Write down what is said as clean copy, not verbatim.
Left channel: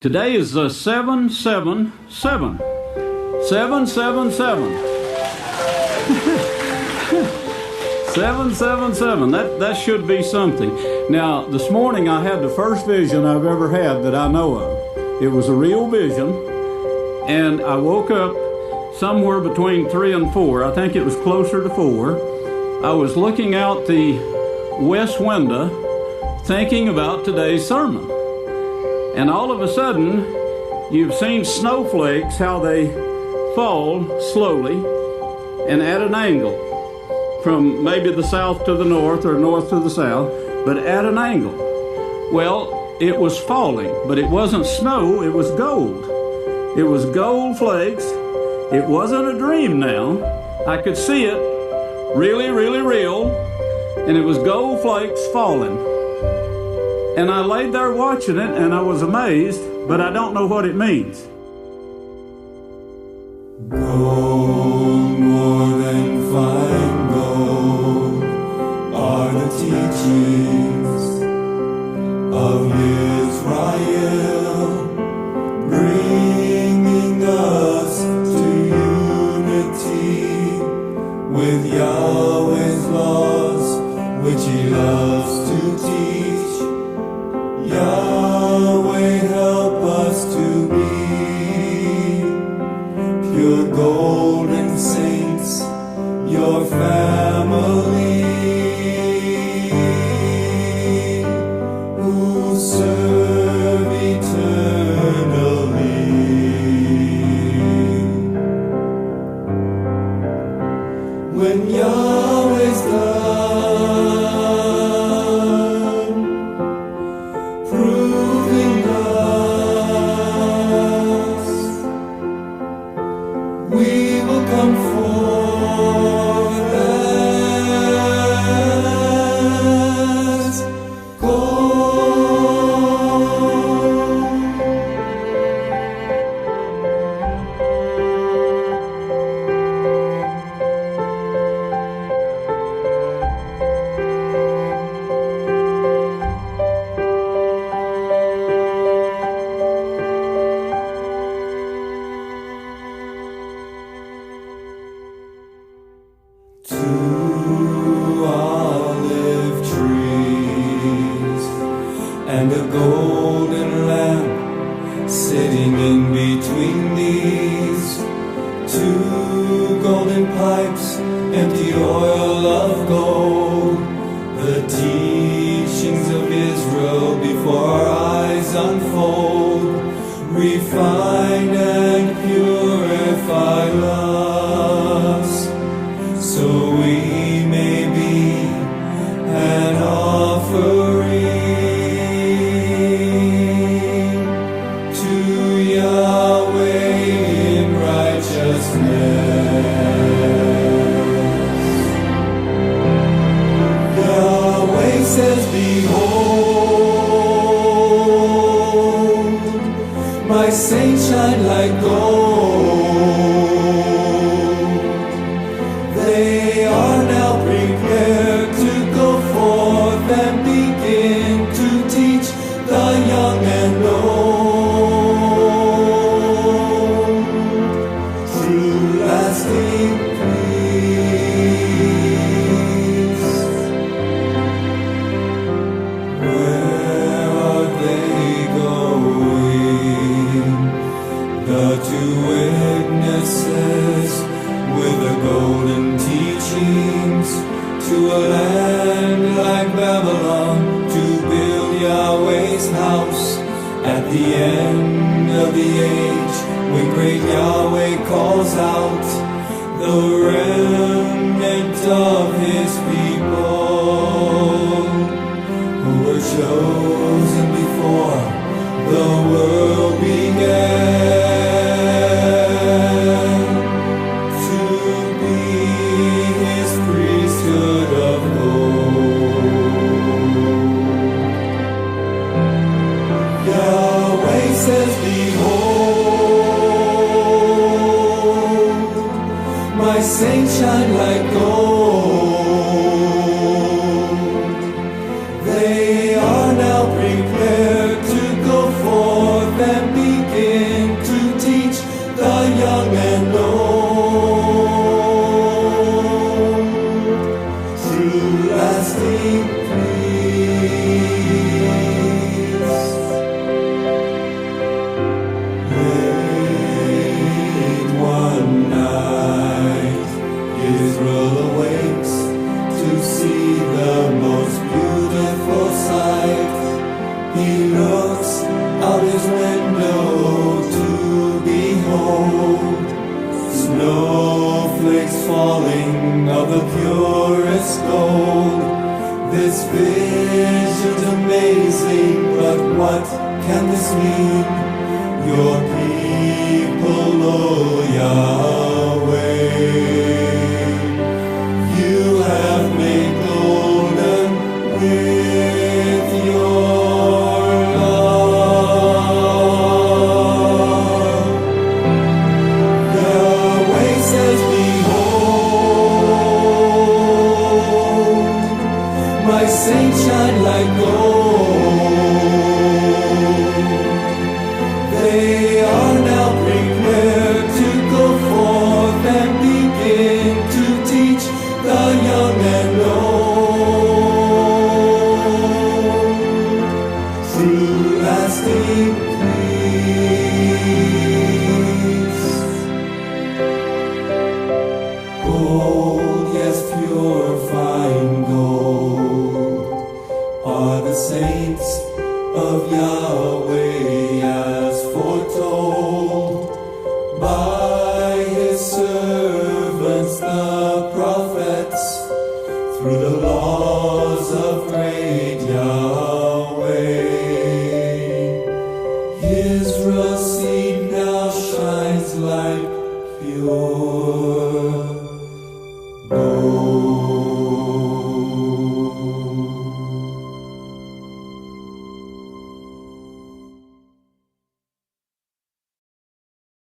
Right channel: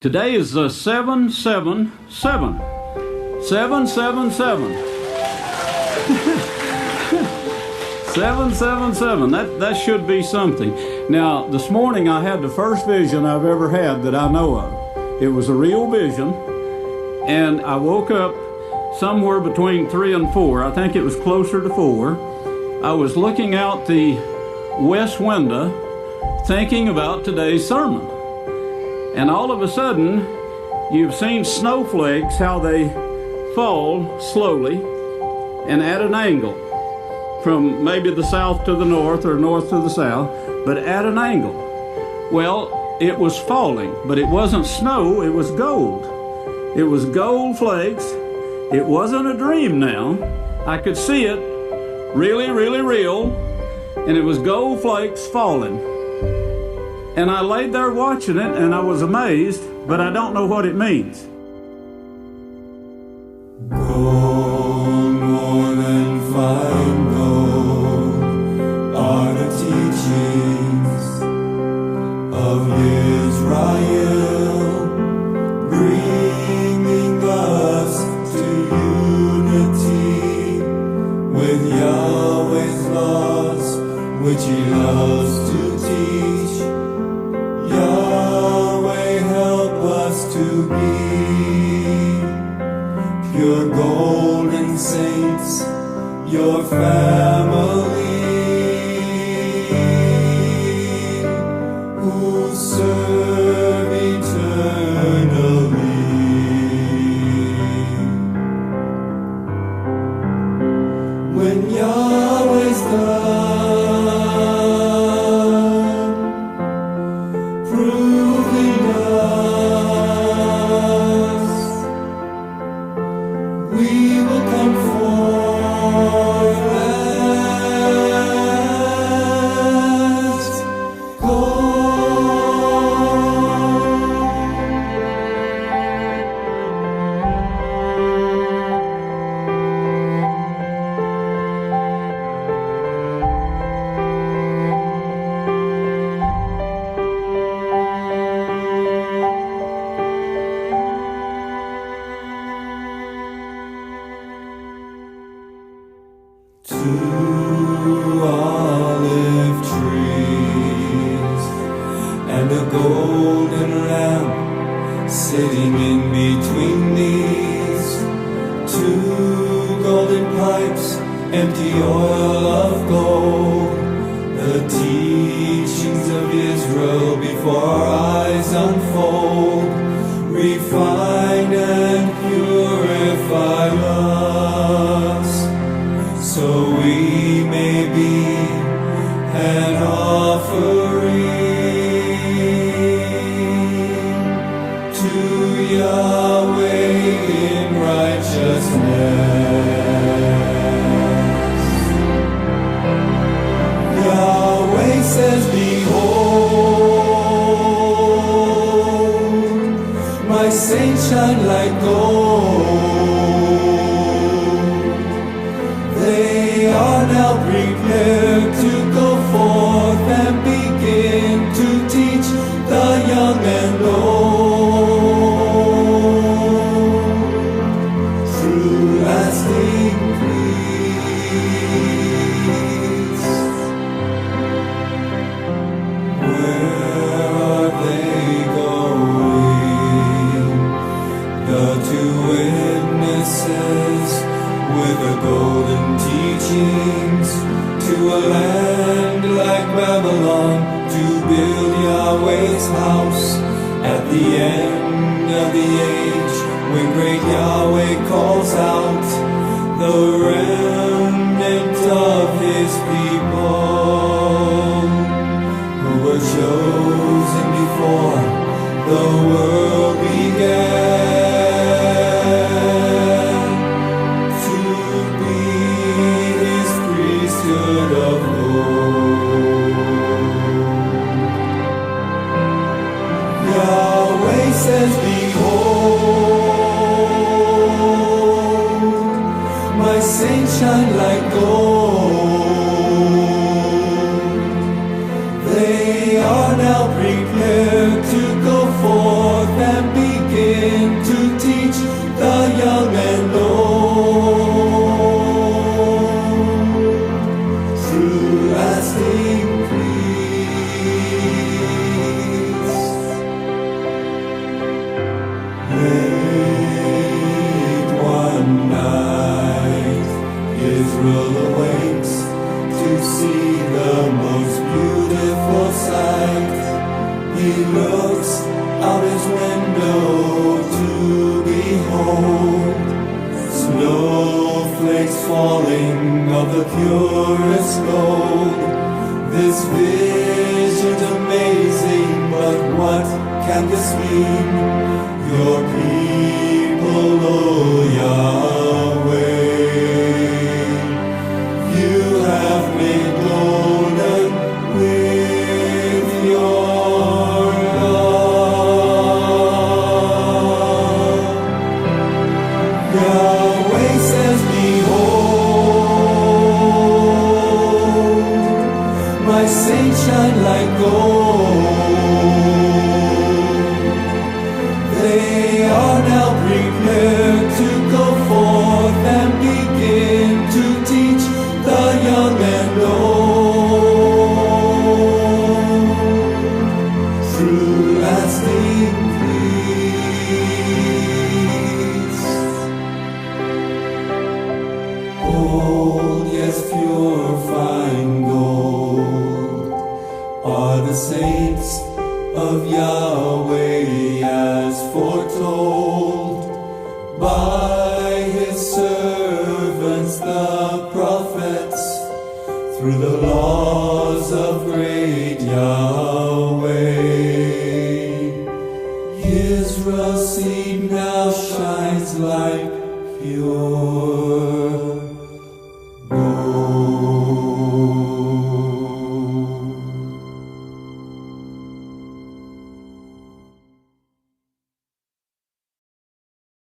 Today is 777. 777. 777. That should be something. Now, this morning I had the first vision I've ever had that I know of. It was a real vision, and I woke up somewhere between 3 and 4. I think it was closer to 4. I was looking out the west window thinking about today's sermon. And all of a sudden, you've seen snowflakes, how they fall slowly and at an angle from maybe the south to the north or north to the south, but at an angle. Well, it was falling, but it wasn't snow, it was gold. It was gold flakes. It wasn't a dream now. I could see it really, really real, and it was gold flakes falling. And I laid there watching it, and I was amazed, but I don't know what it means. Gold, more than fine gold, are the teachings of Yisrayl, bringing us to unity with Yahweh's laws, which He loves to teach. Yahweh, help us to be pure golden saints, your family, who serve eternally. When Yahweh's done proving us, we will come forth as two olive trees and a golden lamp sitting in between these, two golden pipes, empty oil of gold, the teachings of Israel before our eyes unfold, refine and purify us, so we may be an offering to Yahweh in righteousness. Yahweh says, behold, my saints shine like gold. They are now prepared to go forth and begin to teach the young and old true lasting peace. Where are they going? The two witnesses with the golden teachings to a land like Babylon, to build Yahweh's house at the end of the age, when great Yahweh calls out the remnant of His people, who were chosen before the world began, to be His priesthood of gold. Yahweh says, behold, my saints shine like gold. They are now prepared to go forth and begin to teach the young and old. True lasting peace. Late one night, Yisrayl awakes to see the most beautiful sight. He looks out his window to behold snowflakes falling of the purest gold. This vision's amazing, but what can this mean? Your people, O Yahweh, you have made golden with your love. Yahweh says, behold, my saints shine like gold. They are now prepared to go forth and begin to teach the young and old. True lasting peace. Gold, yes, pure fine gold, are the saints of Yahweh as foretold by his servants the prophets through the laws of Great Yahweh. Yisrael's seed now shines like pure gold.